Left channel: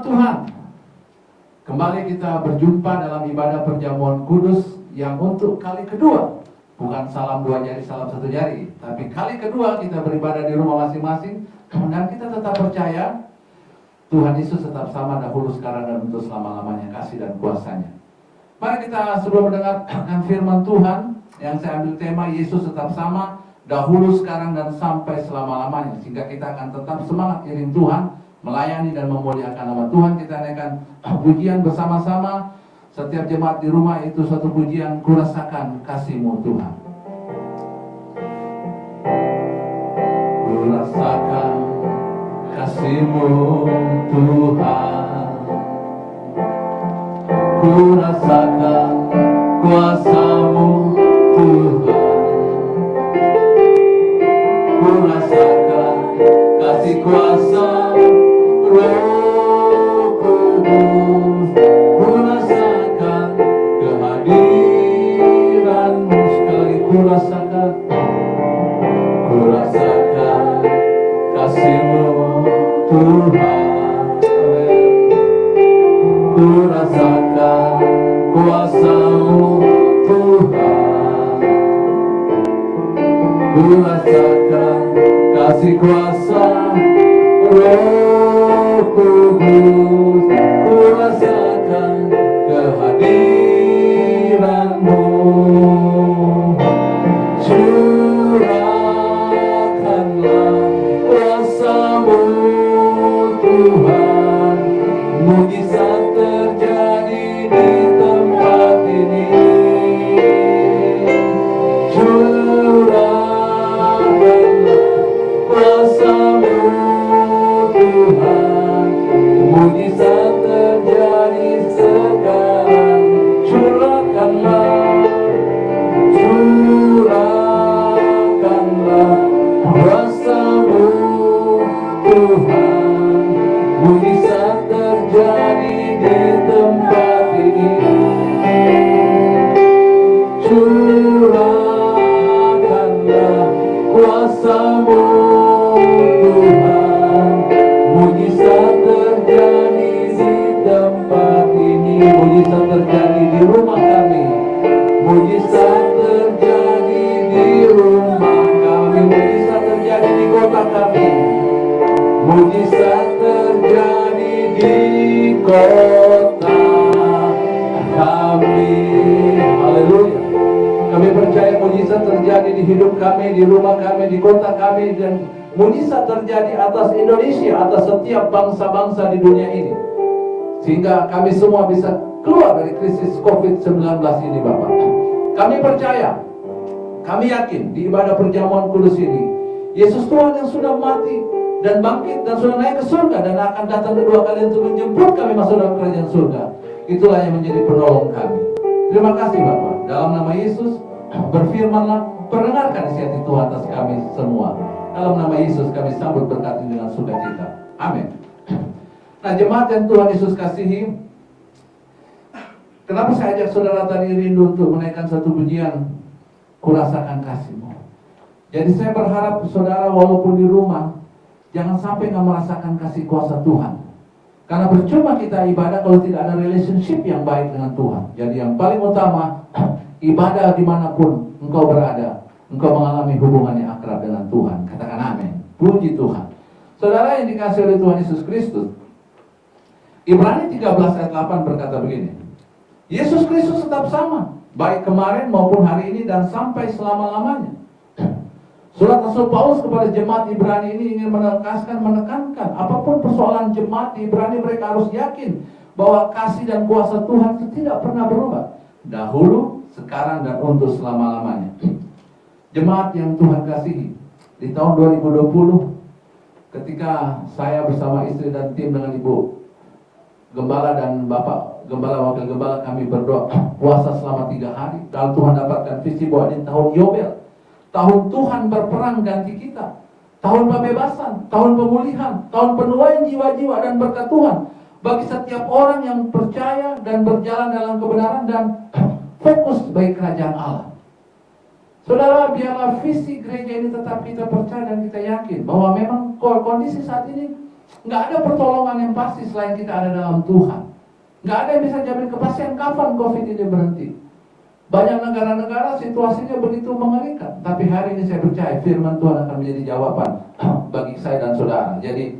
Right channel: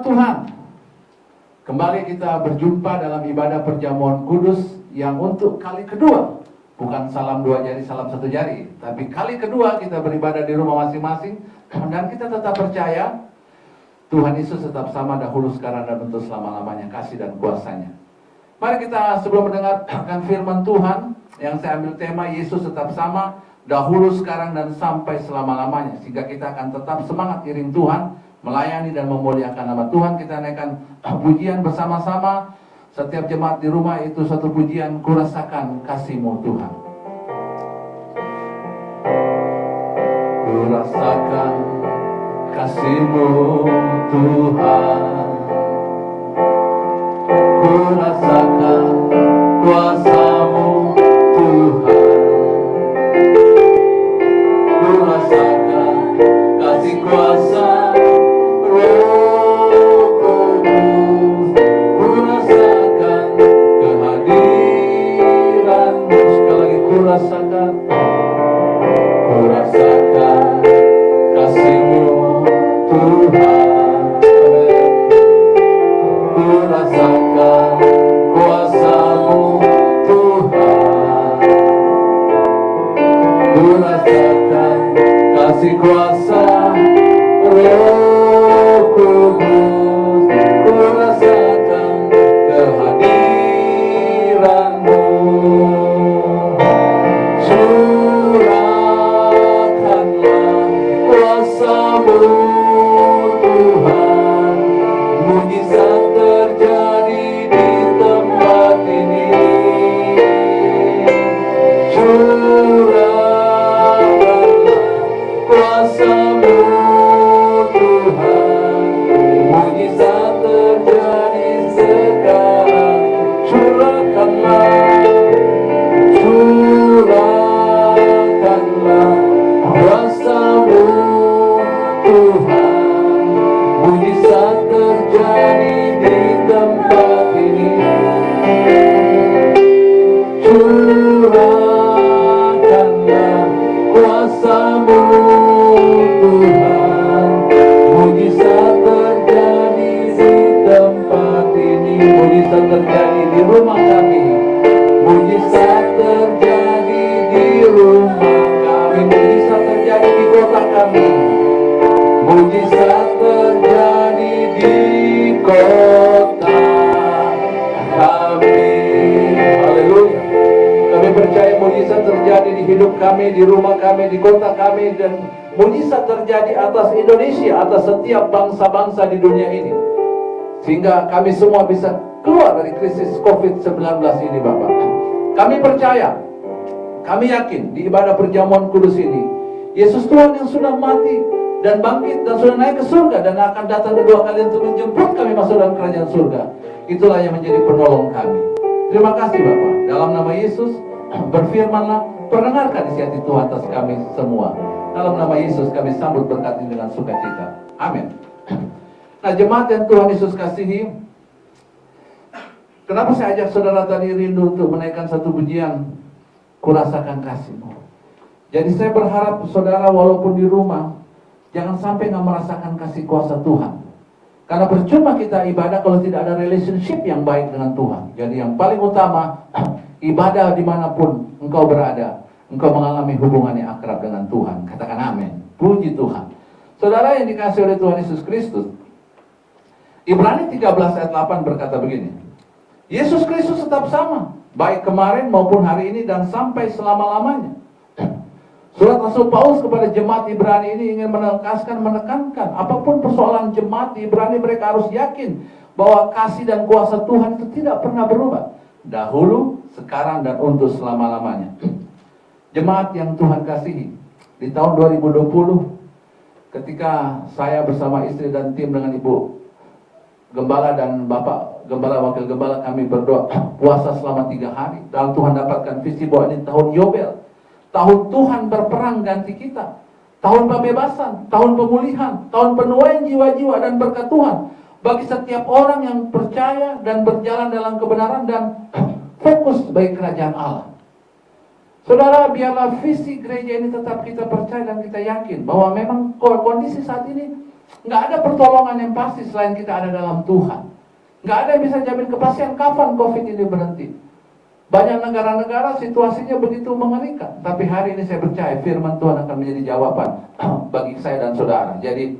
Selamat Tuhan. Kembali kita berjumpa dalam ibadah perjamuan kudus yang untuk kali kedua. Bukan salam dua jari, salam satu jari. Tapi kali kedua kita beribadah di rumah masing-masing. Dan kita tetap percaya Tuhan Yesus tetap sama dahulu, sekarang, dan untuk selama-lamanya, kasih dan kuasanya. Mari kita sebelum mendengarkan firman Tuhan, yang saya ambil tema Yesus tetap sama dahulu, sekarang, dan sampai selama-lamanya. Sehingga kita akan tetap semangat iring Tuhan, melayani dan memuliakan nama Tuhan. Kita naikkan pujian bersama-sama. Setiap jemaat di rumah itu satu pujian, kurasakan kasih-Mu Tuhan. Kurasakan kasih-Mu Tuhan, kurasakan kuasa-Mu Tuhan, kurasakan kasih kuasa Roh Kudus, kurasakan kehadiran-Mu. Sekali lagi kurasakan kasih-Mu Tuhan. Kurasakan kuasa-Mu Tuhan, kurasakan kasih kuasa Roh Kudus, kurasakan kehadiran-Mu. Curahkanlah kuasa-Mu Tuhan, mujizat terjadi di tempat ini. Curahkanlah kuasa-Mu Tuhan, mujizat terjadi sekarang. Curahkanlah kuasa-Mu Tuhan, mujizat terjadi di tempat ini. Curahkanlah kuasa-Mu Tuhan, mujizat terjadi di tempat ini. Mujizat terjadi di rumah kami, mujizat terjadi di rumah kami, mujizat terjadi di kota kami, mujizat terjadi di kota kami. Haleluya. Kami percaya mujizat terjadi di hidup kami, di rumah kami, di kota kami, dan mujizat terjadi atas Indonesia, atas setiap bangsa-bangsa di dunia ini. Sehingga kami semua bisa keluar dari krisis COVID-19 ini, Bapak. Kami percaya, kami yakin di ibadah perjamuan kudus ini, Yesus Tuhan yang sudah mati dan bangkit dan sudah naik ke surga dan akan datang kedua kali untuk menjemput kami masuk dalam kerajaan surga. Itulah yang menjadi penolong kami. Terima kasih Bapak. Dalam nama Yesus, berfirmanlah, perdengarkan isi hati Tuhan atas kami semua. Dalam nama Yesus kami sambut berkat ini dengan sukacita. Amin. Nah, jemaat yang Tuhan Yesus kasihi, kenapa saya ajak saudara tadi rindu untuk menaikkan satu pujian, kurasakan kasih-Mu. Jadi saya berharap saudara walaupun di rumah, jangan sampai nggak merasakan kasih kuasa Tuhan. Karena percuma kita ibadah kalau tidak ada relationship yang baik dengan Tuhan. Jadi yang paling utama, ibadah dimanapun engkau berada, engkau mengalami hubungan yang akrab dengan Tuhan. Katakan amin. Puji Tuhan. Saudara yang dikasihi oleh Tuhan Yesus Kristus, Ibrani 13 ayat 8 berkata begini, Yesus Kristus tetap sama, baik kemarin maupun hari ini dan sampai selama-lamanya. Surat Rasul Paulus kepada jemaat Ibrani ini ingin menekankan, apapun persoalan jemaat di Ibrani, mereka harus yakin bahwa kasih dan kuasa Tuhan itu tidak pernah berubah. Dahulu, sekarang, dan untuk selama-lamanya. Jemaat yang Tuhan kasihi, di tahun 2020, ketika saya bersama istri dan tim dengan Ibu Gembala dan Bapak Gembala, Wakil Gembala, kami berdoa puasa selama 3 hari. Dan Tuhan dapatkan visi bahwa ini tahun Yobel, tahun Tuhan berperang ganti kita, tahun pembebasan, tahun pemulihan, tahun penuaian jiwa-jiwa dan berkat Tuhan bagi setiap orang yang percaya dan berjalan dalam kebenaran dan fokus bagi kerajaan Allah. Saudara, biarlah visi gereja ini tetap kita percaya dan kita yakin bahwa memang kondisi saat ini Nggak ada pertolongan yang pasti selain kita ada dalam Tuhan. Nggak ada yang bisa jamin kepastian kapan COVID ini berhenti. Banyak negara-negara situasinya begitu mengerikan. Tapi hari ini saya percaya firman Tuhan akan menjadi jawaban bagi saya dan saudara. Jadi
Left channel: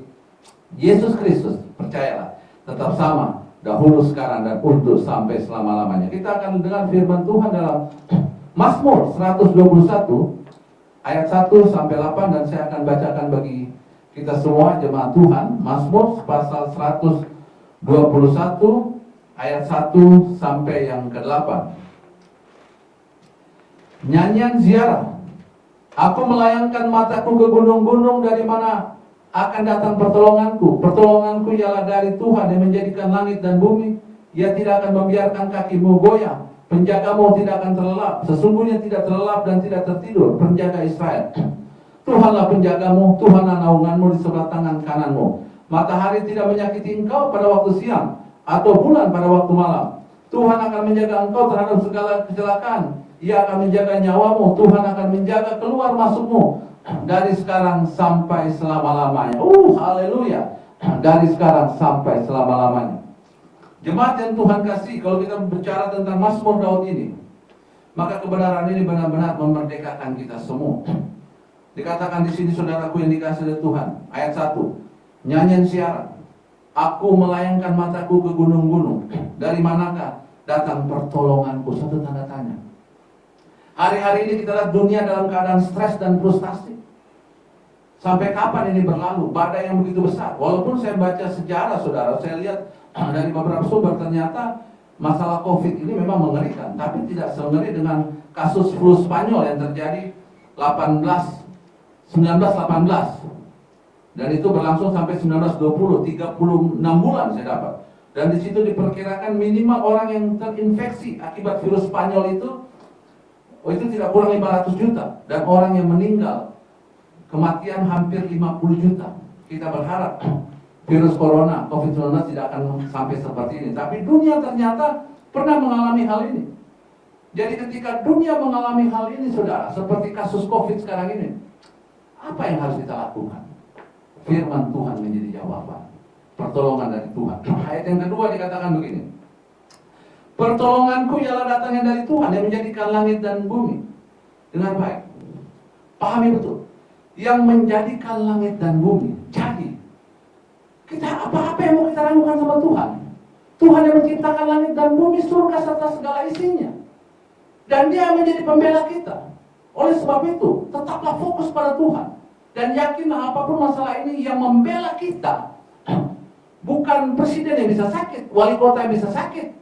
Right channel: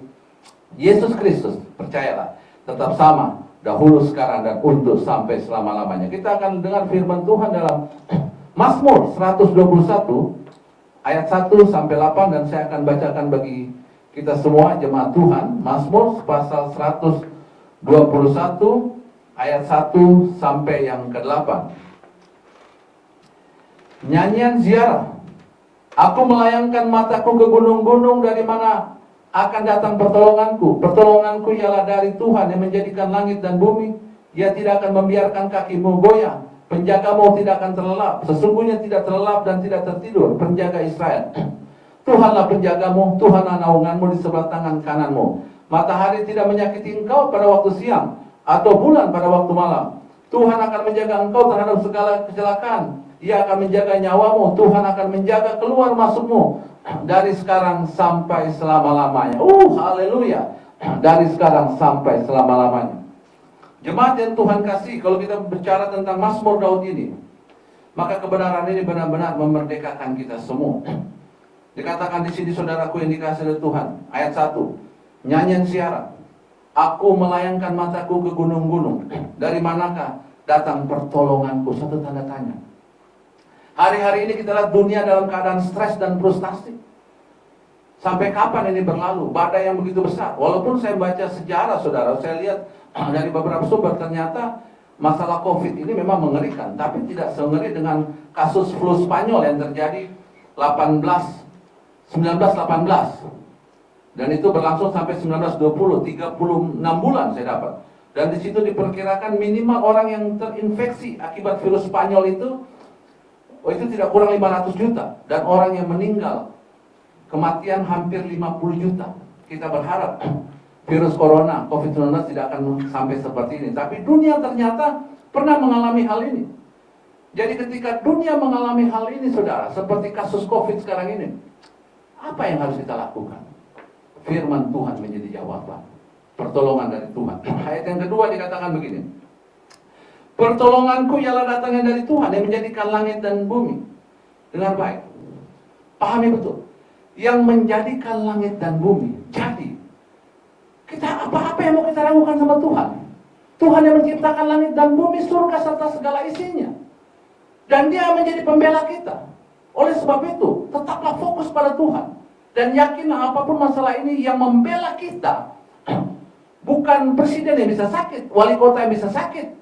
Yesus Kristus, percayalah, tetap sama dahulu, sekarang, dan untuk sampai selama-lamanya. Kita akan dengar firman Tuhan dalam Mazmur 121 ayat 1 sampai 8, dan saya akan bacakan bagi kita semua jemaat Tuhan. Mazmur pasal 121 ayat 1 sampai yang ke-8. Nyanyian ziarah. Aku melayangkan mataku ke gunung-gunung, dari mana akan datang pertolonganku. Pertolonganku ialah dari Tuhan yang menjadikan langit dan bumi. Ia tidak akan membiarkan kakimu goyah. Penjagamu tidak akan terlelap. Sesungguhnya tidak terlelap dan tidak tertidur penjaga Israel. Tuhanlah penjagamu, Tuhanlah naunganmu di sebelah tangan kananmu. Matahari tidak menyakiti engkau pada waktu siang, atau bulan pada waktu malam. Tuhan akan menjaga engkau terhadap segala kecelakaan. Ia akan menjaga nyawamu. Tuhan akan menjaga keluar masukmu dari sekarang sampai selama-lamanya. Haleluya. Dari sekarang sampai selama-lamanya. Jemaat yang Tuhan kasih, kalau kita bicara tentang Mazmur Daud ini, maka kebenaran ini benar-benar memerdekakan kita semua. Dikatakan di sini, saudaraku yang dikasih oleh Tuhan, ayat 1, nyanyian siaran. Aku melayangkan mataku ke gunung-gunung. Dari manakah datang pertolonganku? Satu tanda tanya. Hari-hari ini kita lihat dunia dalam keadaan stres dan frustasi. Sampai kapan ini berlalu? Badai yang begitu besar. Walaupun saya baca sejarah, saudara, saya lihat dari beberapa sumber, ternyata masalah COVID ini memang mengerikan. Tapi tidak semengeri dengan kasus flu Spanyol yang terjadi 1918. Dan itu berlangsung sampai 1920, 36 bulan saya dapat. Dan di situ diperkirakan minimal orang yang terinfeksi akibat virus Spanyol itu tidak kurang 500 juta. Dan orang yang meninggal, kematian hampir 50 juta. Kita berharap virus corona, COVID-19 tidak akan sampai seperti ini. Tapi dunia ternyata pernah mengalami hal ini. Jadi ketika dunia mengalami hal ini, saudara, seperti kasus COVID sekarang ini, apa yang harus kita lakukan? Firman Tuhan menjadi jawaban. Pertolongan dari Tuhan. Ayat yang kedua dikatakan begini. Pertolonganku ialah datangnya dari Tuhan yang menjadikan langit dan bumi. Dengar baik. Pahami betul. Yang menjadikan langit dan bumi. Jadi, kita apa-apa yang mau kita ragukan sama Tuhan. Tuhan yang menciptakan langit dan bumi, surga serta segala isinya. Dan Dia menjadi pembela kita. Oleh sebab itu, tetaplah fokus pada Tuhan. Dan yakinlah apapun masalah ini yang membela kita. Bukan presiden yang bisa sakit, wali kota yang bisa sakit.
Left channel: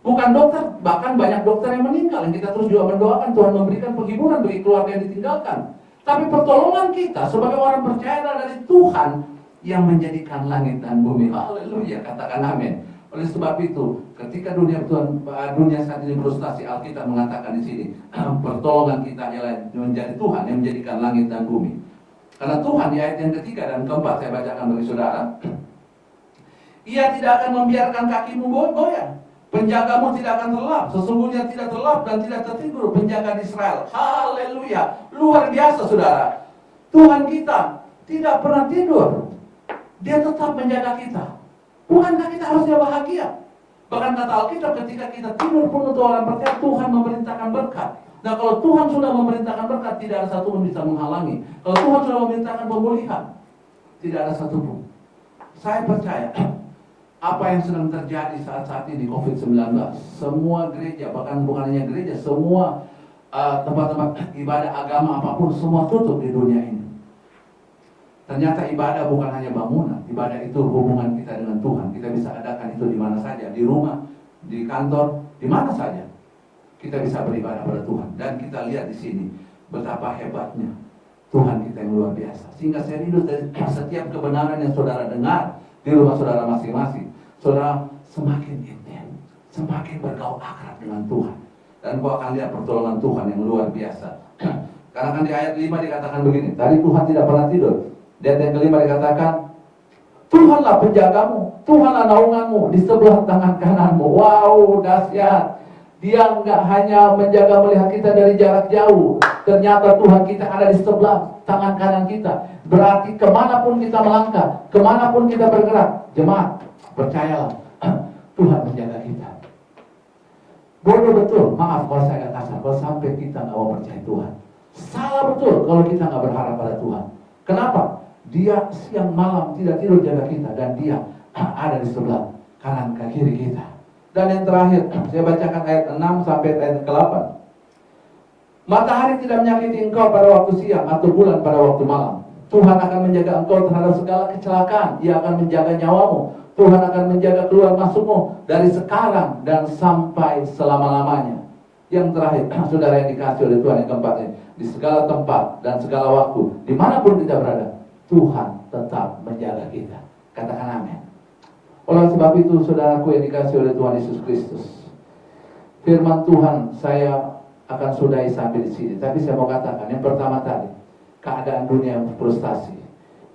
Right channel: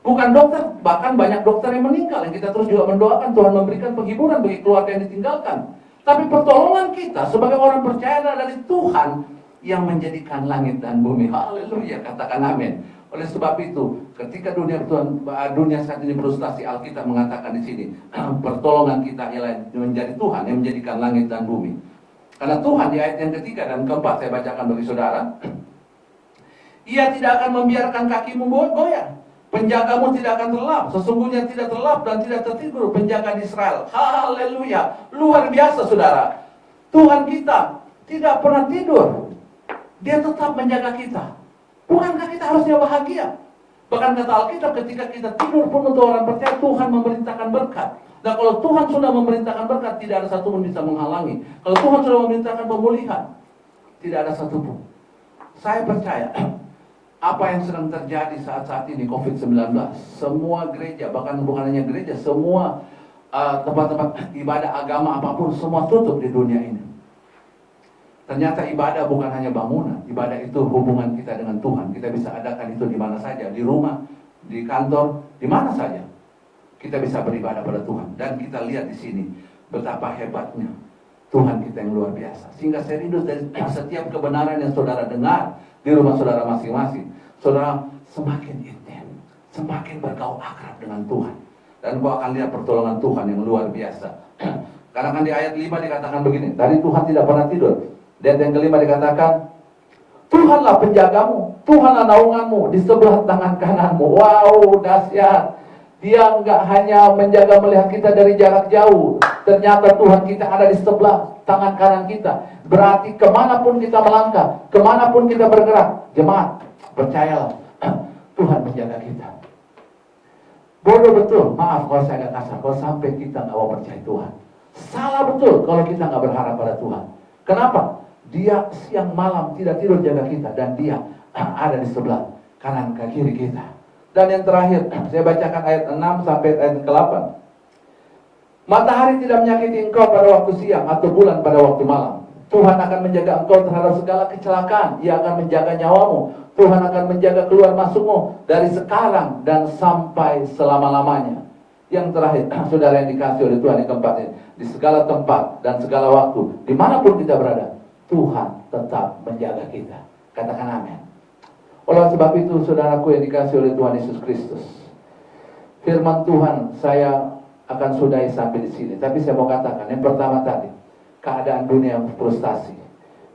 Bukan dokter, bahkan banyak dokter yang meninggal. Yang kita terus juga mendoakan Tuhan memberikan penghiburan bagi keluarga yang ditinggalkan. Tapi pertolongan kita sebagai orang percaya adalah dari Tuhan yang menjadikan langit dan bumi. Haleluya, katakan amin. Oleh sebab itu, ketika dunia saat ini frustasi, Alkitab mengatakan di sini, pertolongan kita ialah menjadi Tuhan yang menjadikan langit dan bumi. Karena Tuhan di ayat yang ketiga dan keempat saya bacakan bagi saudara, Ia tidak akan membiarkan kakimu goyah. Penjagamu tidak akan terlelap. Sesungguhnya tidak terlelap dan tidak tertidur penjaga di Israel. Haleluya. Luar biasa, saudara. Tuhan kita tidak pernah tidur. Dia tetap menjaga kita. Bukankah kita harusnya bahagia? Bahkan kata Alkitab, ketika kita tidur pun untuk orang percaya, Tuhan memerintahkan berkat. Nah, kalau Tuhan sudah memerintahkan berkat, tidak ada satu pun bisa menghalangi. Kalau Tuhan sudah memerintahkan pemulihan, tidak ada satu pun. Saya percaya apa yang sedang terjadi saat ini, COVID-19, semua gereja, bahkan bukan hanya gereja, semua tempat-tempat ibadah agama apapun, semua tutup di dunia ini. Ternyata ibadah bukan hanya bangunan, ibadah itu hubungan kita dengan Tuhan. Kita bisa adakan itu di mana saja, di rumah, di kantor, di mana saja. Kita bisa beribadah pada Tuhan. Dan kita lihat di sini betapa hebatnya Tuhan kita yang luar biasa. Sehingga saya rindu dari setiap kebenaran yang saudara dengar di rumah saudara masing-masing, saudara semakin intim, semakin bergaul akrab dengan Tuhan. Dan kau akan lihat pertolongan Tuhan yang luar biasa. Karena kan di ayat 5 dikatakan begini, dari Tuhan tidak pernah tidur. Di ayat yang kelima dikatakan, Tuhanlah penjagamu, Tuhanlah naunganmu di sebelah tangan kananmu. Wow, dahsyat. Dia enggak hanya menjaga melihat kita dari jarak jauh. Ternyata Tuhan kita ada di sebelah. tangan kanan kita. Berarti kemanapun kita melangkah, kemanapun kita bergerak, jemaat, percayalah, Tuhan menjaga kita. Bodoh betul, maaf kalau saya agak kasar, kalau sampai kita nggak mau percaya Tuhan. Salah betul kalau kita nggak berharap pada Tuhan. Kenapa? Dia siang malam tidak tidur jaga kita, dan dia ada di sebelah kanan ke kiri kita. Dan yang terakhir, saya bacakan ayat 6 sampai ayat ke-8. Matahari tidak menyakiti engkau pada waktu siang, atau bulan pada waktu malam. Tuhan akan menjaga engkau terhadap segala kecelakaan. Ia akan menjaga nyawamu. Tuhan akan menjaga keluar masukmu dari sekarang dan sampai selama-lamanya. Yang terakhir, saudara yang dikasih oleh Tuhan, yang keempat ini, di segala tempat dan segala waktu, dimanapun kita berada, Tuhan tetap menjaga kita. Katakan amin. Oleh sebab itu, saudaraku yang dikasih oleh Tuhan Yesus Kristus, firman Tuhan saya akan sudahi sampai di sini. Tapi saya mau katakan, yang pertama tadi, keadaan dunia yang frustasi.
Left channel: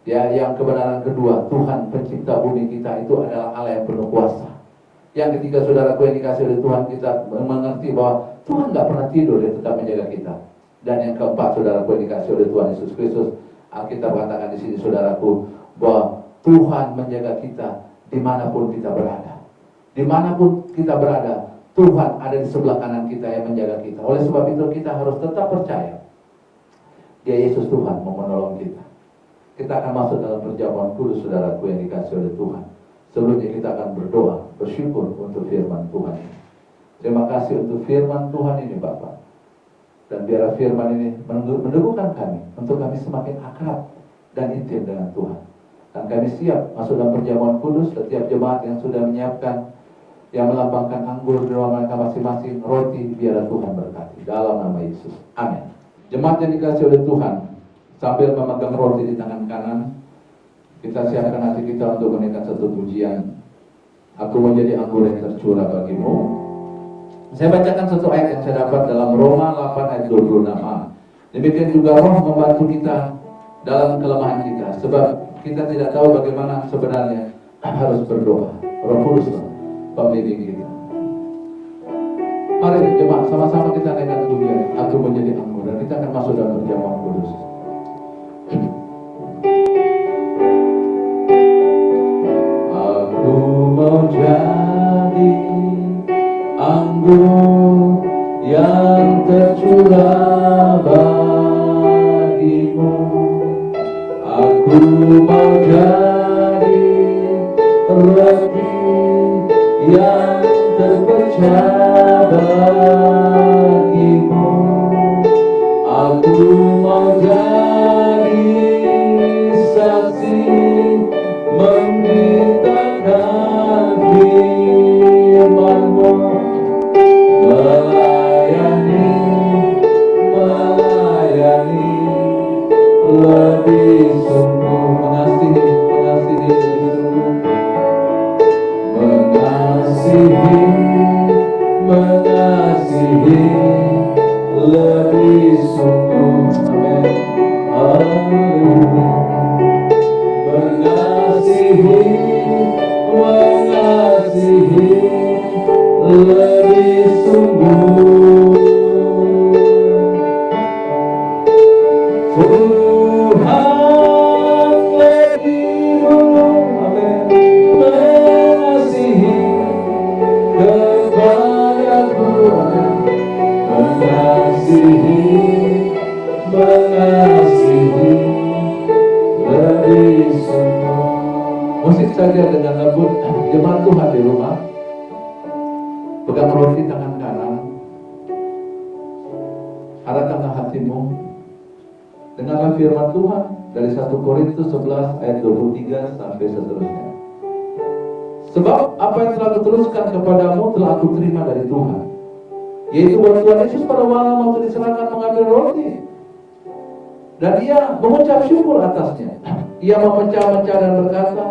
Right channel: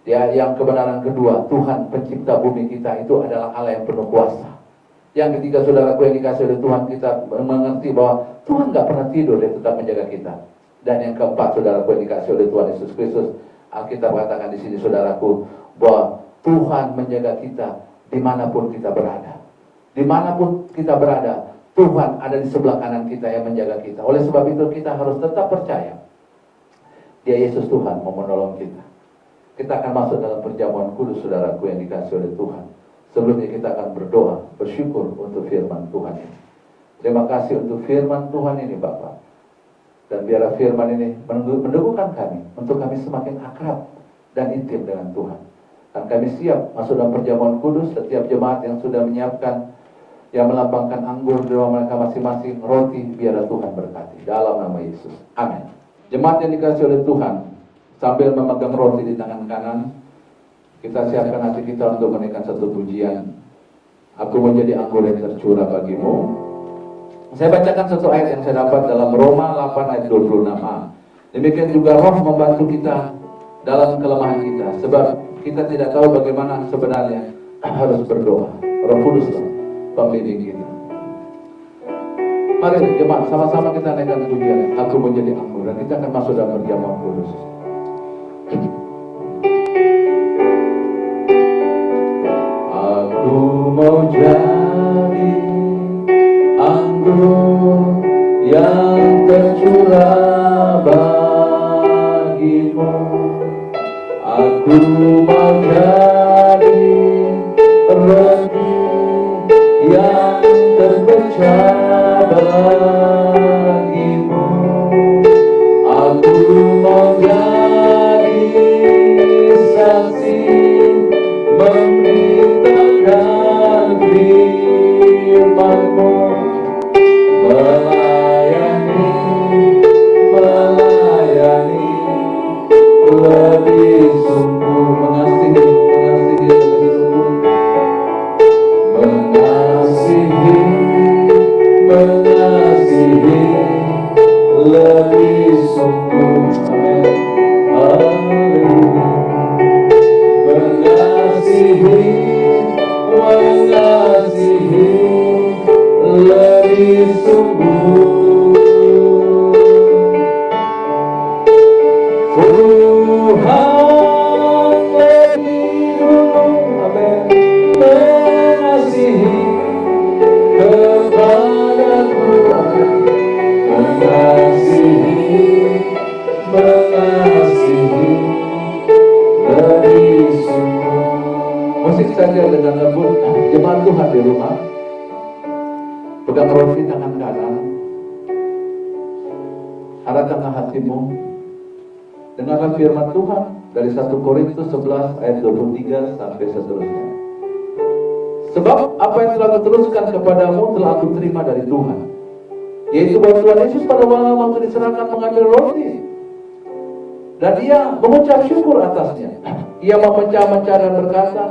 Yang kebenaran kedua, Tuhan pencipta bumi kita itu adalah Allah yang penuh kuasa. Yang ketiga, saudaraku yang dikasih oleh Tuhan, kita mengerti bahwa Tuhan nggak pernah tidur, dia tetap menjaga kita. Dan yang keempat, saudaraku yang dikasih oleh Tuhan Yesus Kristus, Alkitab katakan di sini, saudaraku, bahwa Tuhan menjaga kita dimanapun kita berada. Dimanapun kita berada, Tuhan ada di sebelah kanan kita yang menjaga kita. Oleh sebab itu kita harus tetap percaya, Dia Yesus Tuhan mau menolong kita. Kita akan masuk dalam perjamuan kudus, saudaraku yang dikasih oleh Tuhan. Sebelumnya kita akan berdoa, bersyukur untuk firman Tuhan ini. Terima kasih untuk firman Tuhan ini, Bapak. Dan biarlah firman ini meneguhkan kami, untuk kami semakin akrab dan intim dengan Tuhan. Dan kami siap masuk dalam perjamuan kudus. Setiap jemaat yang sudah menyiapkan, yang melambangkan anggur di rumah mereka masing-masing, roti, biarlah Tuhan berkati. Dalam nama Yesus. Amin. Jemaat yang dikasih oleh Tuhan, sambil memegang roti di tangan kanan, kita siapkan hati kita untuk menaikkan satu pujian. Aku menjadi anggur yang tercurah bagimu. Saya bacakan satu ayat yang saya dapat dalam Roma 8 ayat 26a. Demikian juga Roh membantu kita dalam kelemahan kita, sebab kita tidak tahu bagaimana sebenarnya harus berdoa. Roh Kudus pembimbing kita. Mari jemaat, sama-sama kita naikkan pujian. Aku menjadi anggur, dan kita akan masuk dalam perjamuan kudus. Aku mau jadi anggur yang tercurah bagimu. Aku mau jadi roti yang terpecah bagimu. Aku mau jadi saksi memberitakan firman-Mu, melayani lebih sungguh, mengasihi lebih sungguh, mengasihi lebih sungguh. Amin. Haleluya. Mengasihi lebih sungguh. Tuhan lebih dulu, amin, mengasihi kepadaku, mengasihi lebih sungguh. Musik saja dengan lembut. Jemaat Tuhan di rumah, pegang roti tangan kanan, arahkan hatimu, dengarkan firman Tuhan dari 1 Korintus 11 ayat 23 sampai seterusnya. Sebab apa yang telah kuteruskan kepadamu telah aku terima dari Tuhan, yaitu bahwa Tuhan Yesus pada malam waktu diserahkan mengambil roti, dan ia mengucap syukur atasnya. Ia memecah-mecah dan berkata,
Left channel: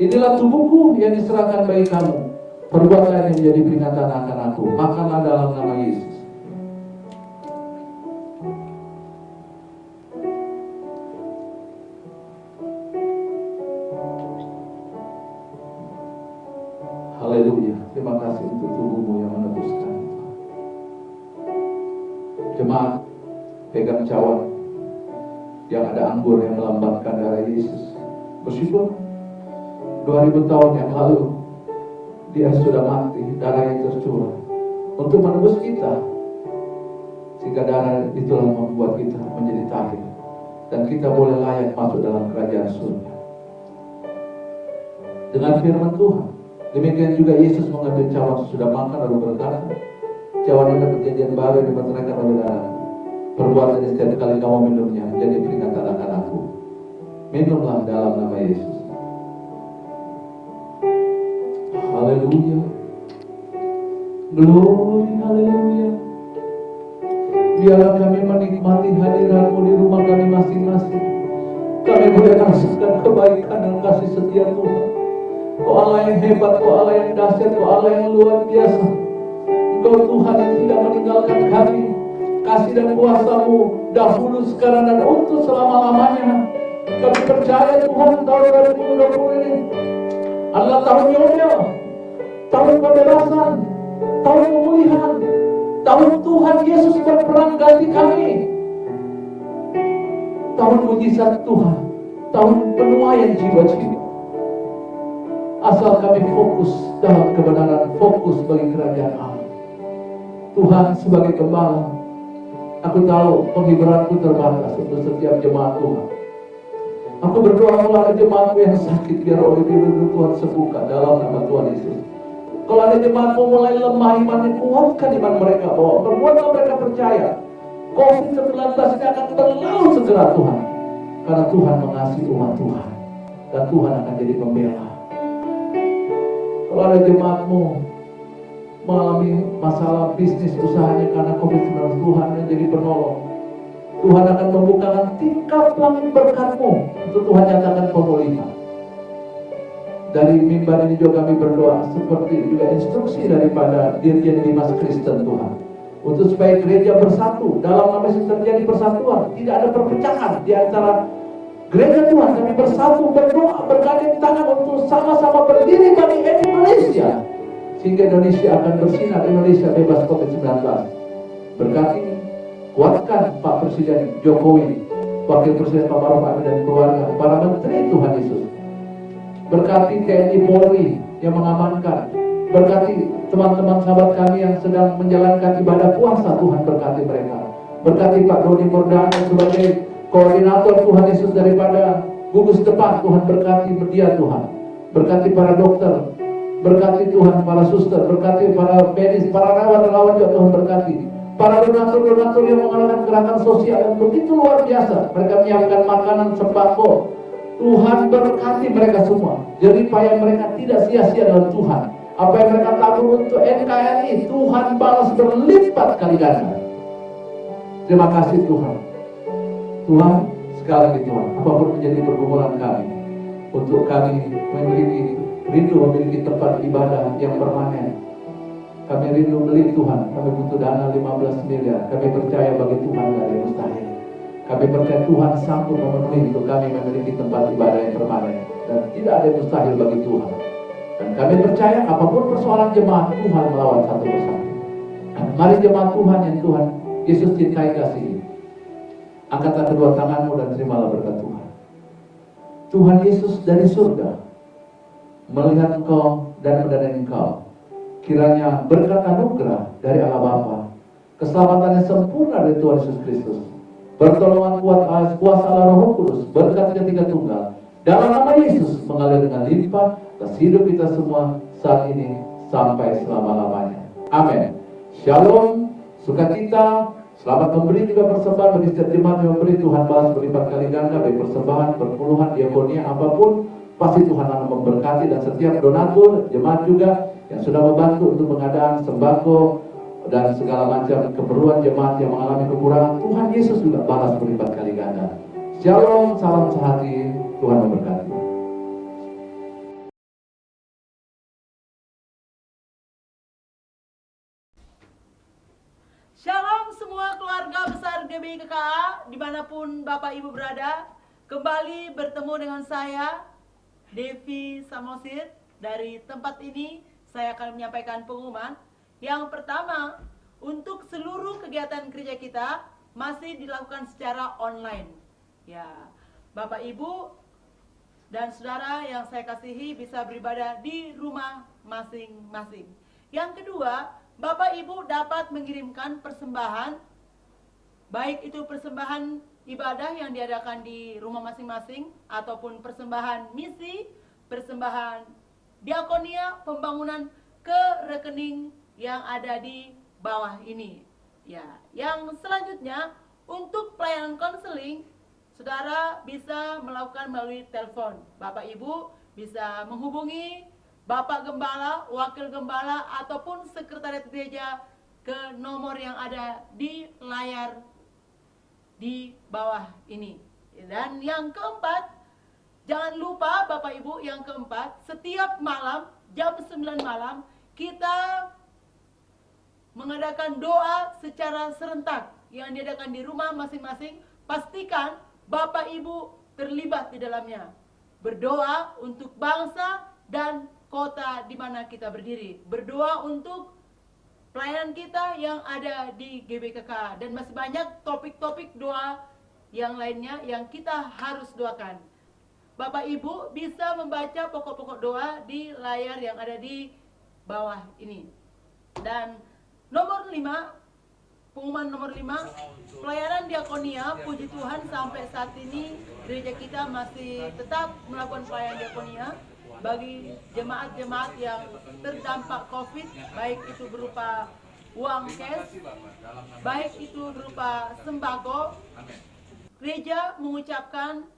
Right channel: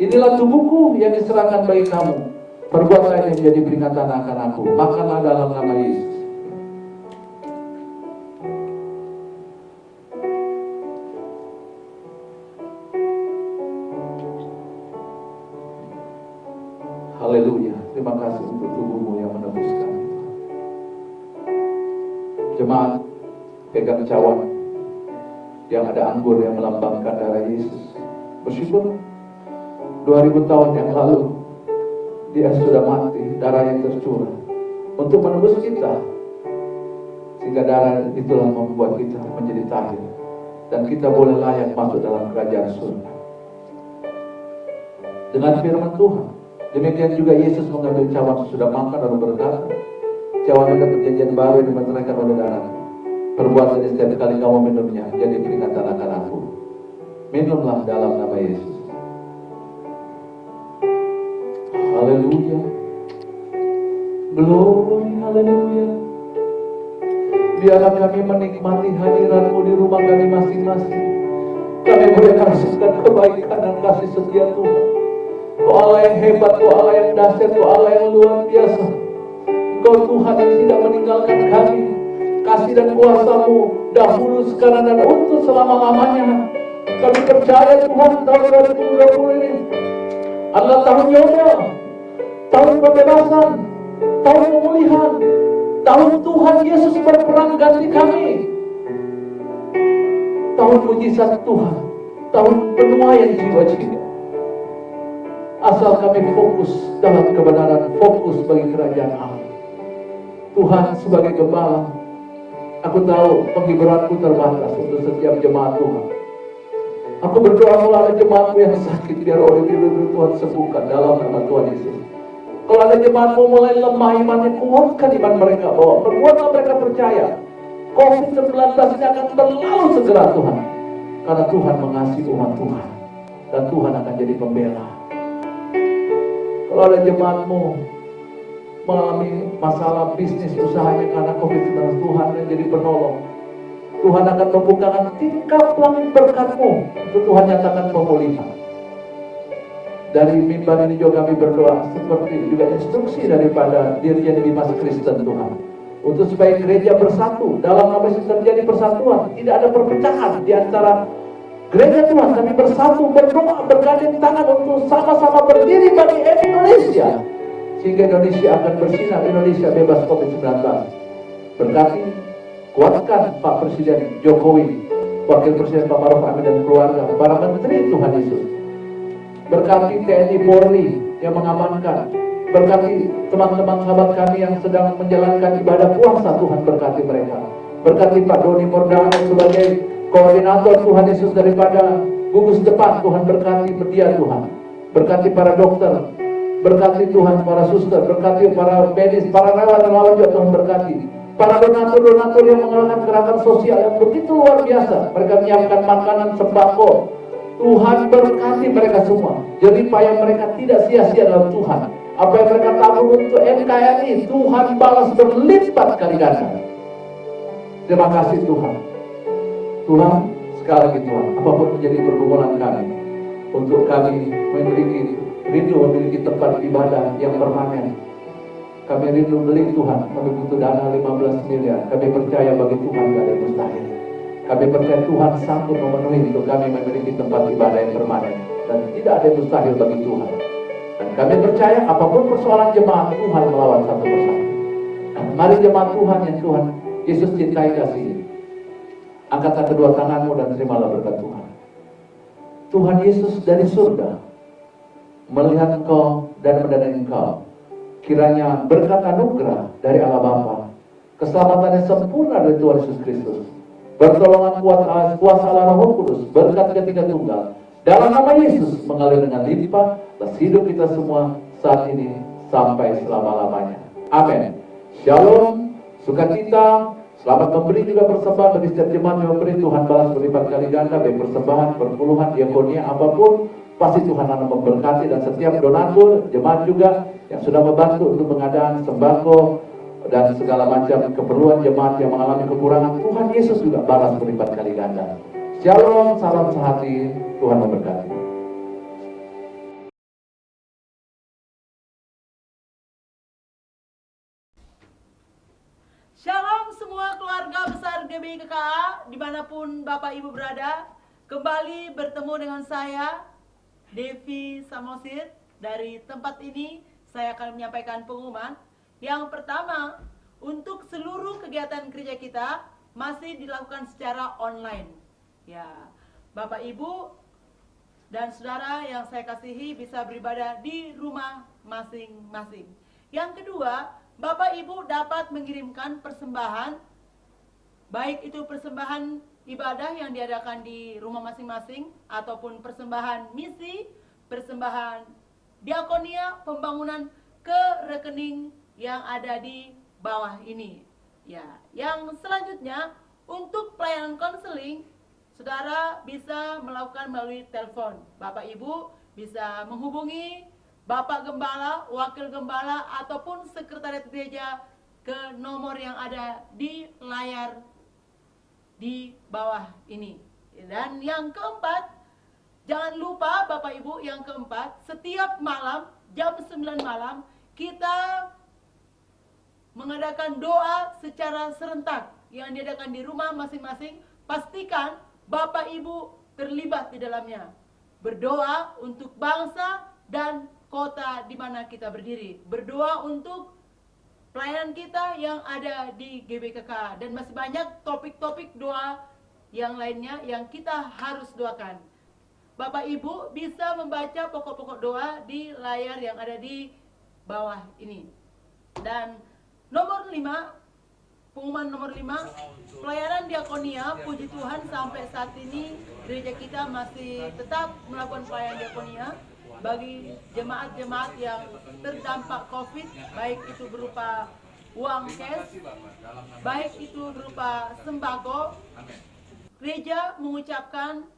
inilah tubuhku yang diserahkan bagi kamu. Perbuatlah yang menjadi peringatan akan aku. Makanlah dalam nama Yesus. Haleluya. Terima kasih untuk tubuhmu yang menebuskan. Jemaat, pegang cawan. yang ada anggur yang melambangkan darah Yesus. Meskipun 2000 tahun yang lalu dia sudah mati, darahnya tercurah untuk menebus kita, sehingga darah itulah membuat kita menjadi tahir dan kita boleh layak masuk dalam kerajaan surga dengan firman Tuhan. Demikian juga Yesus mengambil cawan sesudah makan lalu berkata, cawan ada perjanjian baru yang dimeteraikan oleh darah. Perbuatan setiap kali kamu minumnya jadi peringatan akan aku. Minumlah dalam nama Yesus. Haleluya. Glory, haleluya. Biarlah kami menikmati hadirat-Mu di rumah kami masing-masing. Kami boleh rasakan kebaikan dan kasih setia Tuhan. Kau Allah yang hebat, Kau Allah yang dahsyat, Kau Allah yang luar biasa. Engkau Tuhan yang tidak meninggalkan kami. Kasih dan kuasa-Mu dahulu, sekarang, dan untuk selama-lamanya. Kami percaya Tuhan tahun 2020 ini adalah tahun Yobel, tahun pembebasan, tahun pemulihan, tahun Tuhan Yesus berperang ganti kami, tahun mujizat Tuhan, tahun penuaian jiwa-jiwa. Asal kami fokus dalam kebenaran, fokus bagi kerajaan Allah. Tuhan sebagai gembala, aku tahu penghiburanku terbatas untuk setiap jemaat Tuhan. Aku berdoa kalau ada jemaatku yang sakit, biar oleh firman Tuhan sembuhkan dalam nama Tuhan Yesus. Kalau ada jemaatku mulai lemah imannya, kuatkan iman mereka, bahwa perbuatan mereka percaya COVID-19 ini akan terlalu segera Tuhan. Karena Tuhan mengasihi umat Tuhan, dan Tuhan akan jadi pembela. Kalau ada jemaatmu mengalami masalah bisnis usahanya karena COVID-19, Tuhan yang jadi penolong. Tuhan akan membukakan tingkap langit berkat-Mu untuk Tuhan nyatakan pemulihan. Dari mimbar ini juga kami berdoa seperti juga instruksi daripada Dirjen Dimas Kristen Tuhan, untuk supaya gereja bersatu dalam nama Yesus, terjadi persatuan, tidak ada perpecahan di antara gereja Tuhan, tapi bersatu berdoa bergandeng tangan untuk sama-sama berdiri bagi Indonesia, sehingga Indonesia akan bersinar, Indonesia bebas COVID-19. Berkati, kuatkan Pak Presiden Jokowi, Wakil Presiden Pak Maruf Amin dan keluarga, para menteri Tuhan Yesus. Berkati TNI Polri yang mengamankan, berkati teman-teman sahabat kami yang sedang menjalankan ibadah puasa, Tuhan berkati mereka. Berkati Pak Doni Mordano sebagai koordinator Tuhan Yesus daripada gugus depan, Tuhan berkati dia Tuhan. Berkati para dokter, berkati Tuhan para suster, berkati para medis, para relawan juga Tuhan berkati. Para donatur-donatur yang mengadakan gerakan sosial yang begitu luar biasa, mereka menyiapkan makanan sembako. Tuhan berkati mereka semua. Jadi payah mereka tidak sia-sia dalam Tuhan. Apa yang mereka tabung untuk NKRI, Tuhan balas berlipat kali ganda. Terima kasih Tuhan. Tuhan, sekali lagi Tuhan, apapun menjadi pergumulan kami, untuk kami rindu memiliki tempat ibadah yang permanen. Kami rindu beli Tuhan, kami butuh dana 15 miliar. Kami percaya bagi Tuhan tidak ada mustahil. Kami percaya Tuhan sanggup memenuhi untuk kami memiliki tempat ibadah yang permanen, dan tidak ada mustahil bagi Tuhan. Dan kami percaya apapun persoalan jemaat, Tuhan melawan satu persatu. Mari jemaat Tuhan yang Tuhan Yesus cintai kasih, angkatlah kedua tanganmu dan terimalah berkat Tuhan. Tuhan Yesus dari surga melihat engkau dan mendanai engkau. Kiranya berkat anugerah dari Allah Bapa, keselamatannya sempurna dari Tuhan Yesus Kristus, pertolongan kuasa Allah Roh Kudus, berkat ketiga tunggal dalam nama Yesus mengalir dengan limpah atas hidup kita semua saat ini sampai selama-lamanya. Amin. Shalom, sukacita, selamat memberi juga persembahan bagi setiap jemaat yang memberi, Tuhan balas berlipat kali ganda, baik persembahan, perpuluhan, diakonia, apapun, pasti Tuhan akan memberkati. Dan setiap donatur, jemaat juga yang sudah membantu untuk pengadaan sembako dan segala macam keperluan jemaat yang mengalami kekurangan, Tuhan Yesus juga balas berlipat kali ganda. Shalom, salam sehati, Tuhan memberkati. Shalom semua keluarga besar GBI KKA dimanapun Bapak Ibu berada. Kembali bertemu dengan saya Devi Samosir. Dari tempat ini saya akan menyampaikan pengumuman. Yang pertama, untuk seluruh kegiatan gereja kita masih dilakukan secara online. Ya, Bapak Ibu dan saudara yang saya kasihi bisa beribadah di rumah masing-masing. Yang kedua, Bapak Ibu dapat mengirimkan persembahan, baik itu persembahan ibadah yang diadakan di rumah masing-masing, ataupun persembahan misi, persembahan diakonia, pembangunan ke rekening yang ada di bawah ini. Ya, yang selanjutnya untuk pelayanan konseling, saudara bisa melakukan melalui telepon. Bapak Ibu bisa menghubungi Bapak Gembala, Wakil Gembala, ataupun Sekretariat Gereja ke nomor yang ada di layar di bawah ini. Dan yang keempat, jangan lupa Bapak Ibu, yang keempat, setiap malam jam 9 malam kita mengadakan doa secara serentak yang diadakan di rumah masing-masing. Pastikan Bapak Ibu terlibat di dalamnya. Berdoa untuk bangsa dan kota di mana kita berdiri. Berdoa untuk pelayanan kita yang ada di GBKK. Dan masih banyak topik-topik doa yang lainnya yang kita harus doakan. Bapak Ibu bisa membaca pokok-pokok doa di layar yang ada di bawah ini. Dan nomor 5, pengumuman nomor 5, pelayanan diakonia. Puji Tuhan sampai saat ini gereja kita masih tetap melakukan pelayanan diakonia bagi jemaat-jemaat yang terdampak COVID, baik itu berupa uang cash, baik itu berupa sembako. Gereja mengucapkan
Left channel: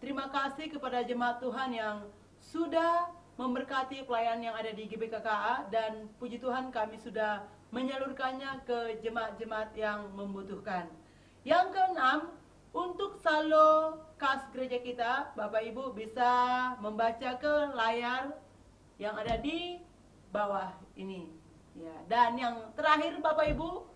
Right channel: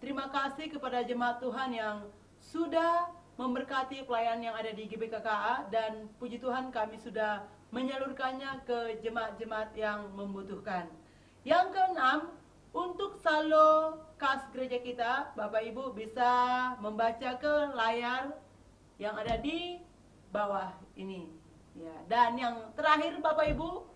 terima kasih kepada jemaat Tuhan yang sudah memberkati pelayanan yang ada di GBKKA, dan puji Tuhan kami sudah menyalurkannya ke jemaat-jemaat yang membutuhkan. Yang keenam, untuk saldo kas gereja kita, Bapak Ibu bisa membaca ke layar yang ada di bawah ini. Ya, dan yang terakhir Bapak Ibu,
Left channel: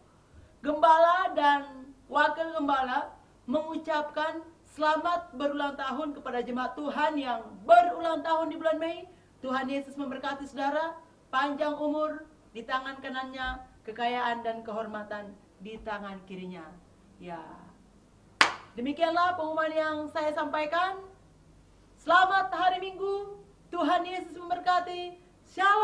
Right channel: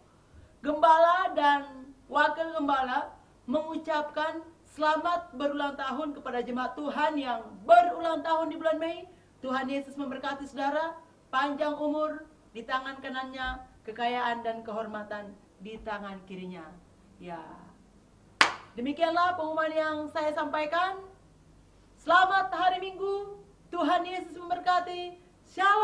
Gembala dan Wakil Gembala mengucapkan selamat berulang tahun kepada jemaat Tuhan yang berulang tahun di bulan Mei. Tuhan Yesus memberkati saudara, panjang umur di tangan kanannya, kekayaan dan kehormatan di tangan kirinya. Ya, demikianlah pengumuman yang saya sampaikan. Selamat hari Minggu, Tuhan Yesus memberkati. Shalom.